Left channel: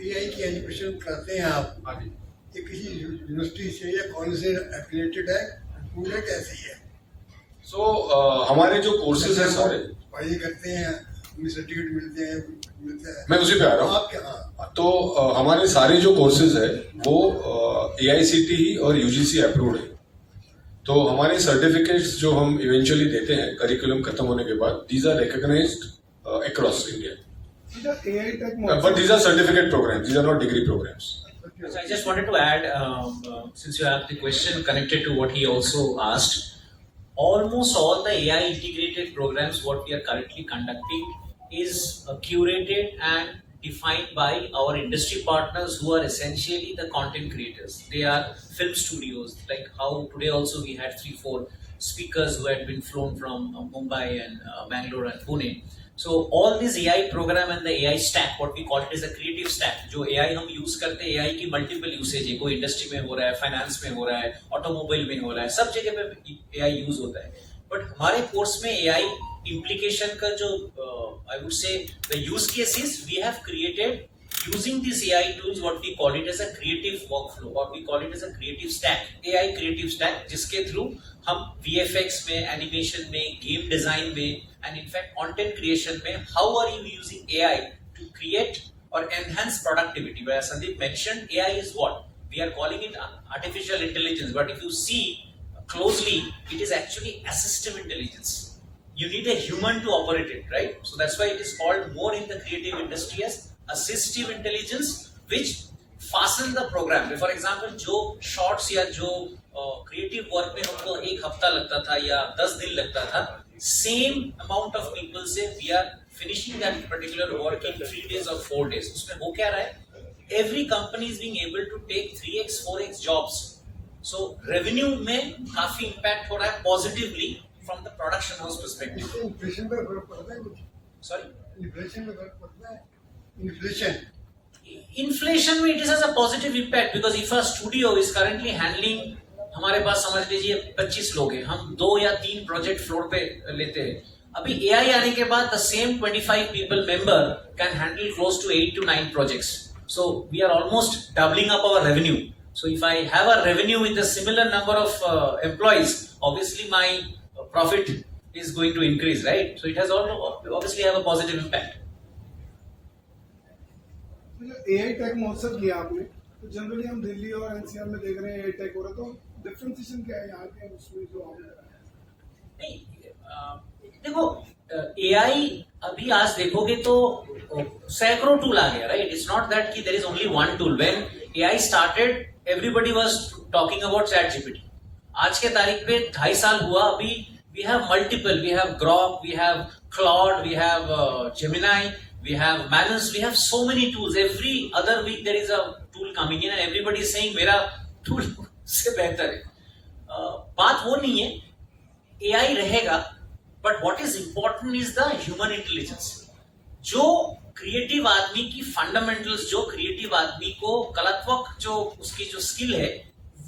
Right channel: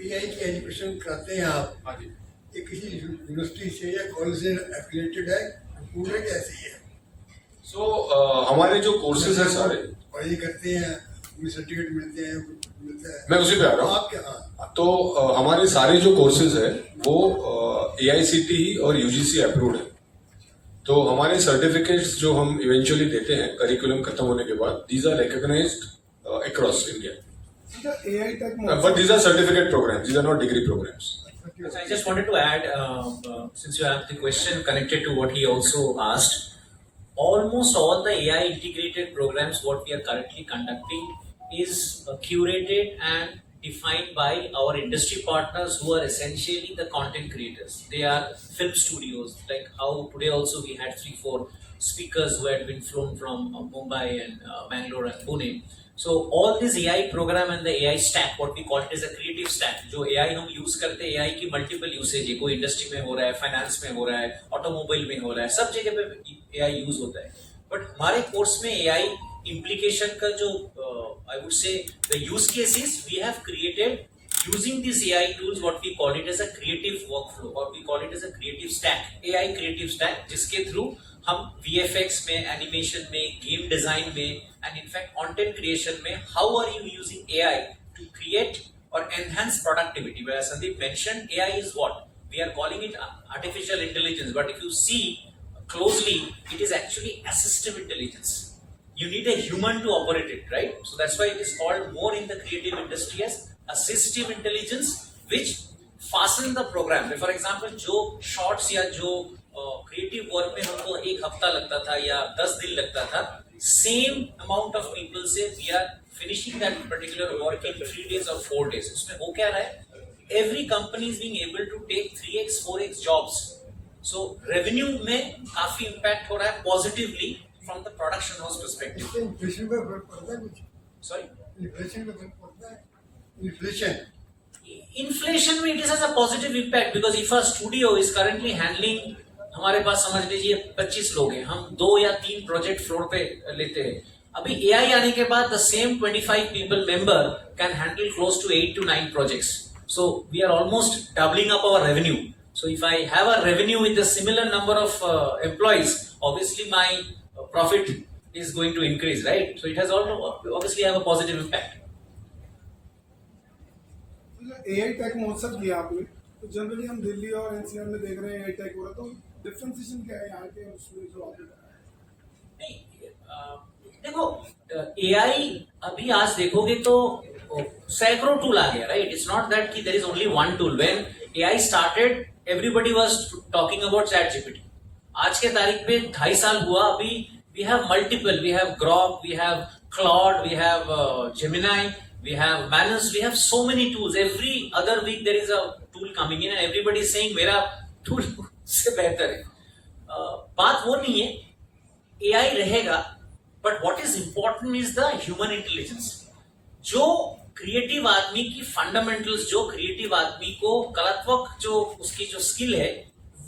AI की education कराते हैं आप, हाँ जी। ये किसी यूनिवर्सिटी से या कॉलेज से एफिलेटेड है, पूरे कैसी है? हमारे जो कोर्सेज हैं सारे, पढ़ाई करते हैं, उन्हें सर्टिफिकेट मिलते हैं, मिलता है। मैं उसी पे आ रहा हूँ। आप क्या? हाँ, तो हमारे सारे जो कोर्सेज है वो AICTE और UGC अप्रूव्ड है। तो हमारे सर्टिफिकेट्स जो हम इवेंचुअली देते हैं करिकुलम खत्म होने के बाद, these are recognised across India, but these are certificate programmes, these are not degree programmes. I just wanted to add, since you have the question connected to what he also asked, almost all the AI integrated programs what we are currently conducting is curated and defined by our industry partners who are essentially the content creators. They are film studios, like how today also we had 3-4 speakers who had been flown from Mumbai and Bangalore and Pune. So all this AI program and the AI stack, what we call it is a creative stack, जो AI हम use करते हैं, AI की multiple usage है, कोई industry में हो रहा है, finance में हो रहा है, automobile में हो रहा है, सब जगह पे AI use होता है. But हमारे course में AI implication का जो I would say the use cases we have created using these AI tools, what we call it as a creative workflow, or we call it as a creative stack, AI creative stack, जिसके through हम VFX में, animation में, game design में, and in fact content creation में, how are you using AI to create or enhance productivity? Where Sandeep mentioned, AI is what? We are calling it artificial intelligence, but if you see closely, it is actually assistive intelligence. You need a human to operate it, right? So that's why it is called more in the creative industry as assistive intelligence, which fasten the program. For example, जो shorts या जो creative work में हमको 1 हफ्ता लगता था या 10 दिन लगता था, same amount of people say we are finishing that particular work in 3 days or 4 days. उसमें हो क्या रहा है? Every company is being able to take 3x, 4x jobs. So revenue में काफी impact हो रहा है positively from the production house perspective. Inflation पे फर्क पड़ता है कुछ? Sorry? इन्फ्लेशन पे फर्क पड़ता है? इन्फ्लेशन Inflation में it is has a positive impact because if a studio is currently handling, हमारे पास समझ लीजिए 25 लोग हैं, हम 2 या 3 प्रोजेक्ट फ्लोर पे लेते हैं. अभी AI आने के बाद the same 25 people member can handle close to 8 to 9 projects. So we are almost doubling up our revenue. So if I have a revenue with a similar number of employees, obviously my profit is going to increase, right? So it has also obviously have a positive impact. AI tech महोत्सव किया आपने, तो generally हम दिल्ली और NCR में देख रहे हैं AI टेक हो रहा, तो डिफरेंशिएशन क्या है यहाँ के उसमें जो आपने बताया? नहीं, देखो AI अभी आज देखोगे तो सैकड़ों टूल आ गया, राइट? इट्स नॉट दैट कि there is only one tool. When AI started everybody was talking about ChatGPT. आज के तारीख पे 2.5 साल हुआ, अभी we have multiple, we have Grok, we have Claude, we have Gemini, we have Manus, we have so many tools. Every other week there is a tool coming in and everybody is saying मेरा tool से बेहतर है. बात वो नहीं है, AI रहेगा, but what is important is the human intelligence. जो क्रिएटिव आदमी की फंडामेंटल्स, जो क्रिएटिव आदमी को कलात्मक जो उसकी जो स्किल है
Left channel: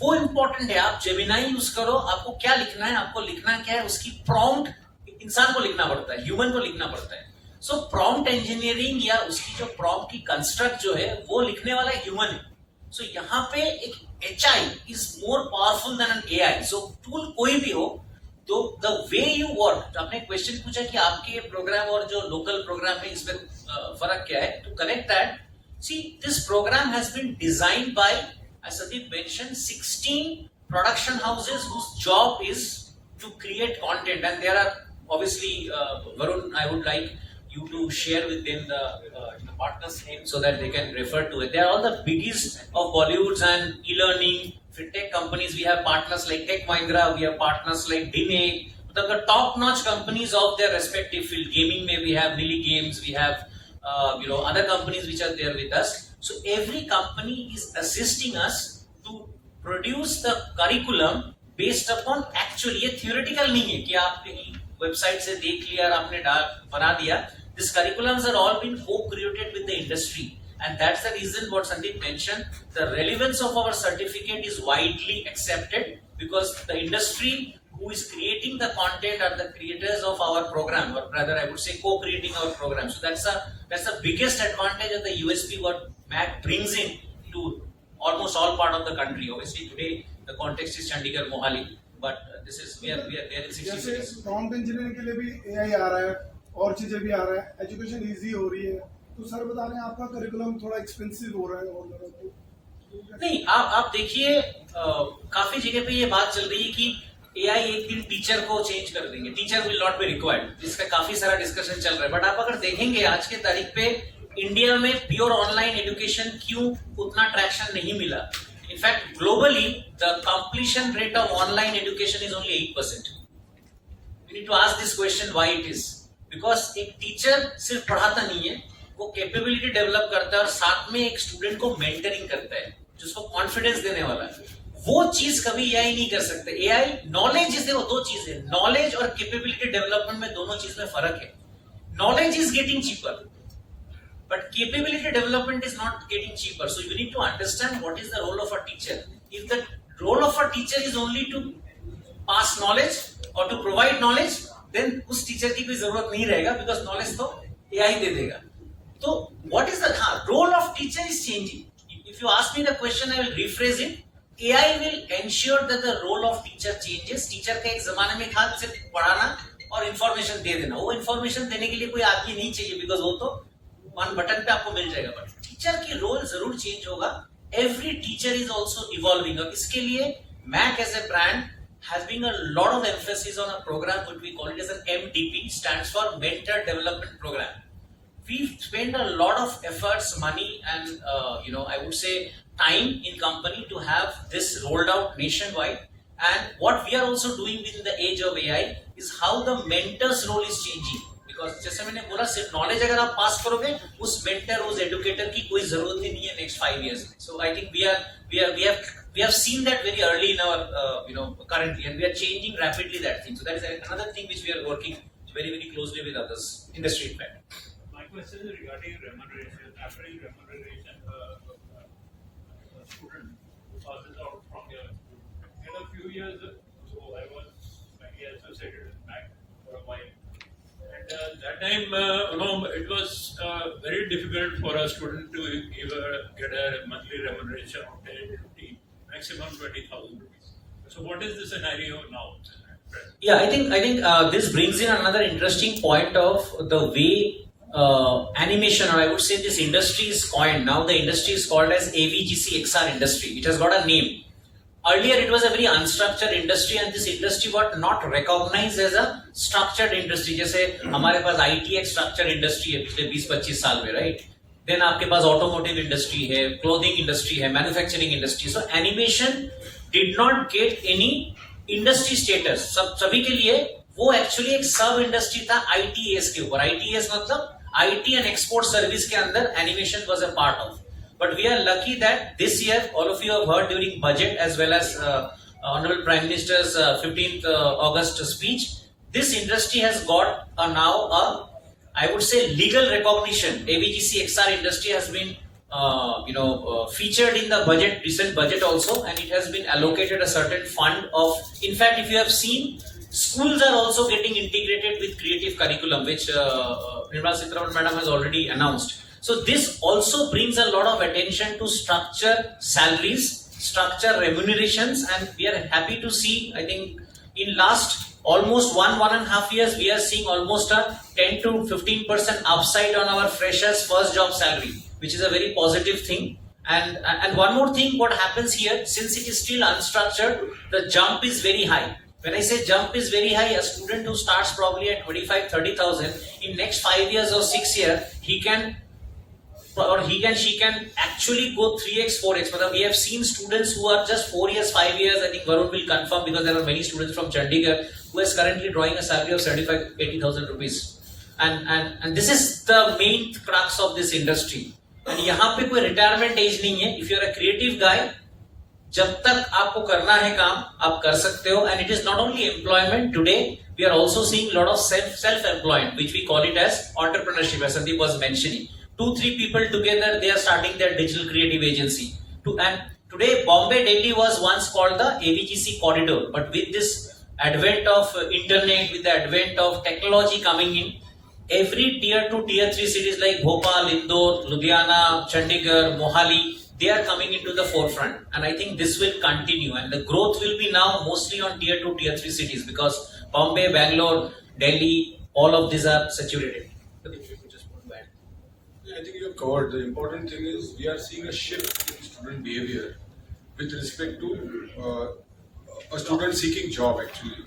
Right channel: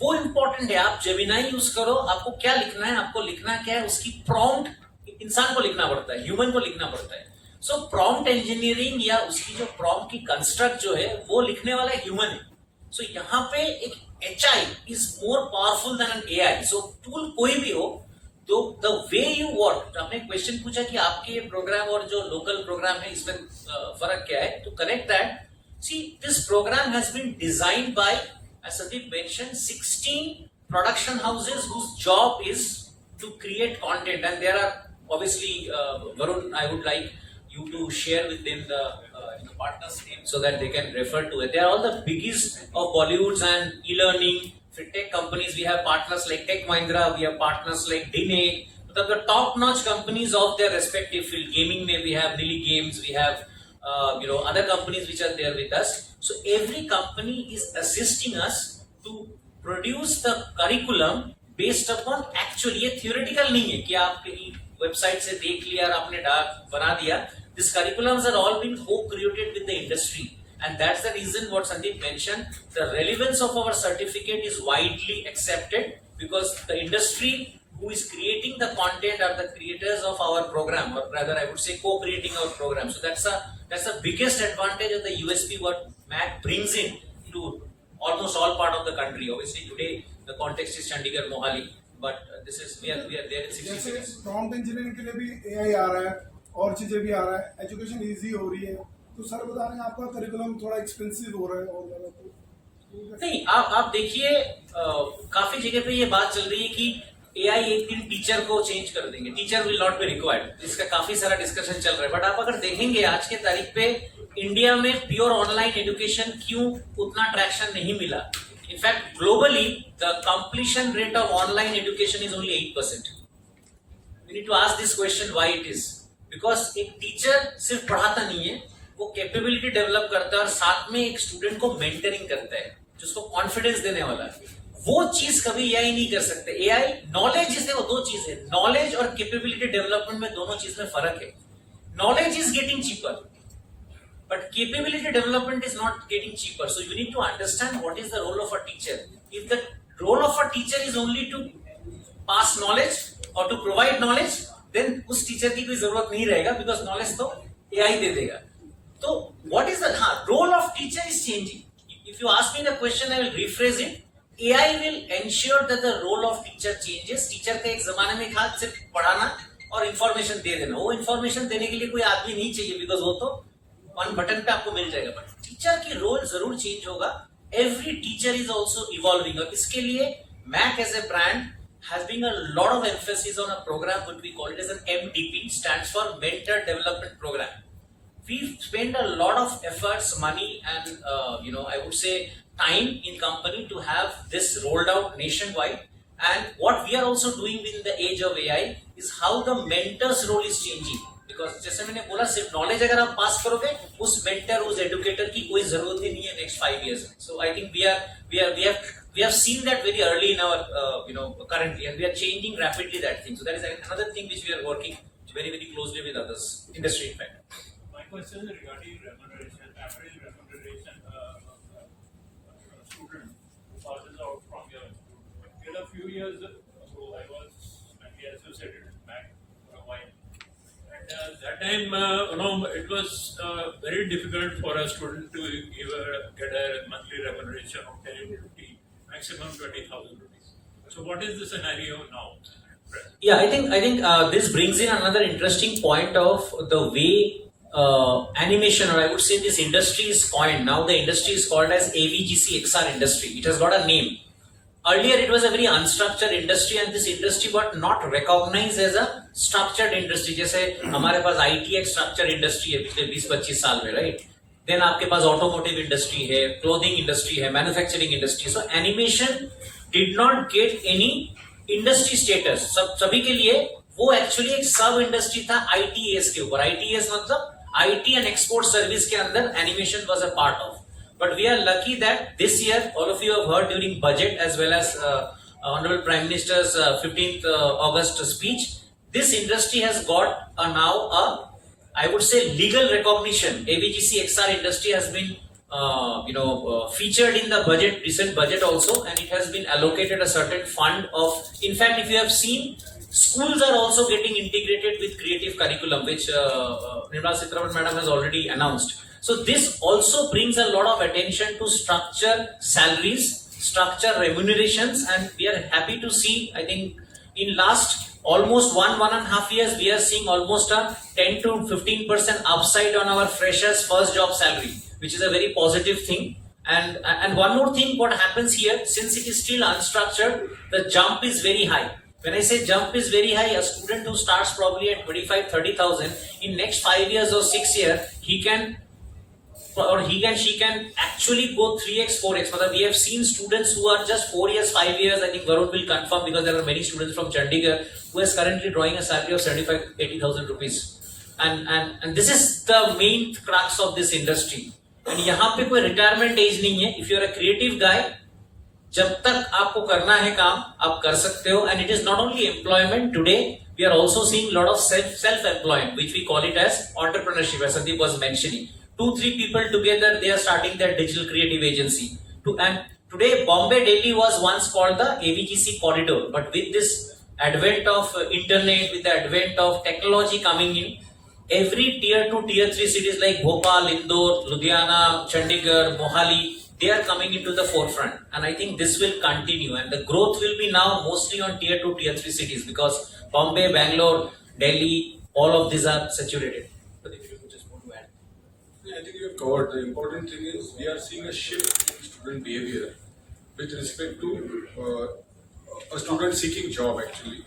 वो इंपॉर्टेंट है. आप जेमिनाई यूज करो, आपको क्या लिखना है, आपको लिखना क्या है, उसकी प्रॉम्प्ट इंसान को लिखना पड़ता है, ह्यूमन को लिखना पड़ता है. सो प्रॉम्प्ट इंजीनियरिंग या उसकी जो प्रॉम्प्ट की कंस्ट्रक्ट जो है वो लिखने वाला ह्यूमन है. सो यहाँ पे एक HI is more powerful than an AI. So tool कोई भी हो, तो द वे यू वर्क, आपने क्वेश्चन पूछा कि आपके ये प्रोग्राम और जो लोकल प्रोग्राम है इसमें फर्क क्या है, to connect that, see this programme has been designed by, as Sandeep mentioned, 16 production houses whose job is to create content, and there are obviously Varun, I would like you to share with them the partners name so that they can refer to it. They are all the biggies of Bollywoods and e-learning. For tech companies, we have partners like Tech Mahindra, we have partners like Dine, the top-notch companies of their respective field. Gaming में we have Milli Games, we have other companies which are there with us. So every company is assisting us to produce the curriculum based upon actual, ये theoretical नहीं है कि आप कहीं website से देख लिया और आपने बना दिया. These curriculums are all been co-created with the industry, and that's the reason what Sandeep mentioned. The relevance of our certificate is widely accepted because the industry who is creating the content are the creators of our program, or rather I would say co-creating our program. So that's the biggest advantage of the USP what MAC brings in to almost all part of the country. Obviously today the context is Chandigarh, Mohali, but this is we are there in 60 जैसे cities. Prompt engineering के लिए भी AI आ रहा है और चीजें भी आ रहा है, एजुकेशन इजी हो रही है, तो सर बता रहे हैं आपका करिकुलम थोड़ा एक्सपेंसिव हो रहा है और ज्यादा तो नहीं, आप देखिए काफी जगह पे ये बात चल रही है कि एआई एक दिन टीचर को चेंज कर देंगे, teacher will not be required, इसका काफी सारा डिस्कशन चल रहा है। बट आप अगर देखेंगे आज के तारीख पे इंडिया में प्योर ऑनलाइन एजुकेशन क्यों उतना ट्रैक्शन नहीं मिला। In fact globally the completion rate of online education is only 8%। We need to ask this question why it is, because एक टीचर सिर्फ पढ़ाता नहीं है, वो कैपेबिलिटी डेवलप करता है और साथ में एक स्टूडेंट को मेंटरिंग करता है, जिसको कॉन्फिडेंस देने वाला है। वो चीज कभी एआई नहीं कर सकते। एआई नॉलेज जिसे वो दो चीज है, नॉलेज और कैपेबिलिटी डेवलपमेंट में दोनों चीज में फर्क है। Knowledge is getting cheaper but capability development is not getting cheaper. So you need to understand what is the role of a teacher. If the role of a teacher is only to pass knowledge or to provide knowledge, then उस teacher की कोई जरूरत नहीं रहेगा, because knowledge तो AI दे देगा। तो what is the role of teacher is changing. If you ask me the question, I will rephrase it. AI will ensure that the role of teacher changes. Teacher का एक जमाने में था सिर्फ पढ़ाना और इंफॉर्मेशन दे देना। वो इंफॉर्मेशन देने के लिए कोई आदमी नहीं चाहिए, बिकॉज वो तो वन बटन पे आपको मिल जाएगा। बट टीचर की रोल जरूर चेंज होगा। Every teacher is also evolving, और इसके लिए Mac as a brand has been a lot of emphasis on a program which we call it as an MDP, stands for Mentor Development Program. We've spent a lot of efforts, money, and I would say time in company to have this rolled out nationwide. And what we are also doing within the age of AI is how the mentor's role is changing. Because जैसे मैंने बोला, सिर्फ knowledge अगर आप पास करोगे, उस mentor उस educator की कोई जरूरत ही नहीं है नेक्स्ट 5 years में। So I think we have seen that very early in our currently, and we are changing rapidly that thing. So that is another thing which we are working very very closely with others industry in fact. My question is regarding remuneration, average remuneration of a student who passes out from your institute. In a few years ago, I was maybe associated with MAC for a while. At that time, it was very difficult for a student to get a monthly remuneration of 10, 15, maximum 20,000 rupees. So, what is the scenario now? Yeah, I think this brings in another interesting point of the way animation, or I would say this industry is coined. Now the industry is called as AVGC XR industry. It has got a name. Earlier it was a very unstructured industry, and this industry got not recognized as a structured industry. जैसे हमारे पास IT एक structured industry है पिछले 20-25 साल में, right? Then आपके पास automotive industry है, clothing industry है, manufacturing industry. So animation did not get any industry status. सभी के लिए वो actually एक sub industry था ITS के ऊपर। ITS मतलब IT and export service के अंदर animation was a part of. But we are lucky that this year, all of you have heard during budget as well as Honorable Prime Minister's 15th August speech, this industry has got now I would say legal recognition. AVGC XR industry has been featured in the budget, recent budget also, and it has been allocated a certain fund of, in fact, if you have seen, schools are also getting integrated with creative curriculum, which Nirmala Sitharaman Madam has already announced. So this also brings a lot of attention to structure salaries, structure remunerations, and we are happy to see, I think in last almost 1.5 years, we are seeing almost a 10 to 15% upside on our freshers first job salary, which is a very positive thing. And one more thing, what happens here, since it is still unstructured, the jump is very high. When I say jump is very high, a student who starts probably at 25-30,000, in next 5 years or 6 years, he can actually go 3x 4x. But we have seen students who are just 4 years 5 years, I think Varun will confirm, because there are many students from Chandigarh who is currently drawing a salary of 75-80,000 rupees, and this is the main crux of this industry. And यहाँ पे कोई retirement age नहीं है. If you are a creative guy, जब तक आपको करना है काम, आप कर सकते हो. And it is not only employment. Today we are also seeing a lot of self-employment, which we call it as entrepreneurship, as Sandeep was mentioning. 2-3 people together, they are starting their digital creative agency. And today Bombay Delhi was once called the AVGC corridor, but with this advent of internet, with the advent of technology coming in, every tier 2, tier 3 cities like Bhopal, Indore, Ludhiana, Chandigarh, Mohali, they are coming into the forefront. And I think this will continue. And the growth will be now mostly on tier 2, tier 3 cities, because Bombay, Bangalore, Delhi, all of these are saturated. But if you could just want to add. Yeah, I think you have covered. The important thing is we are seeing a shift in student behavior with respect to a student seeking job actually.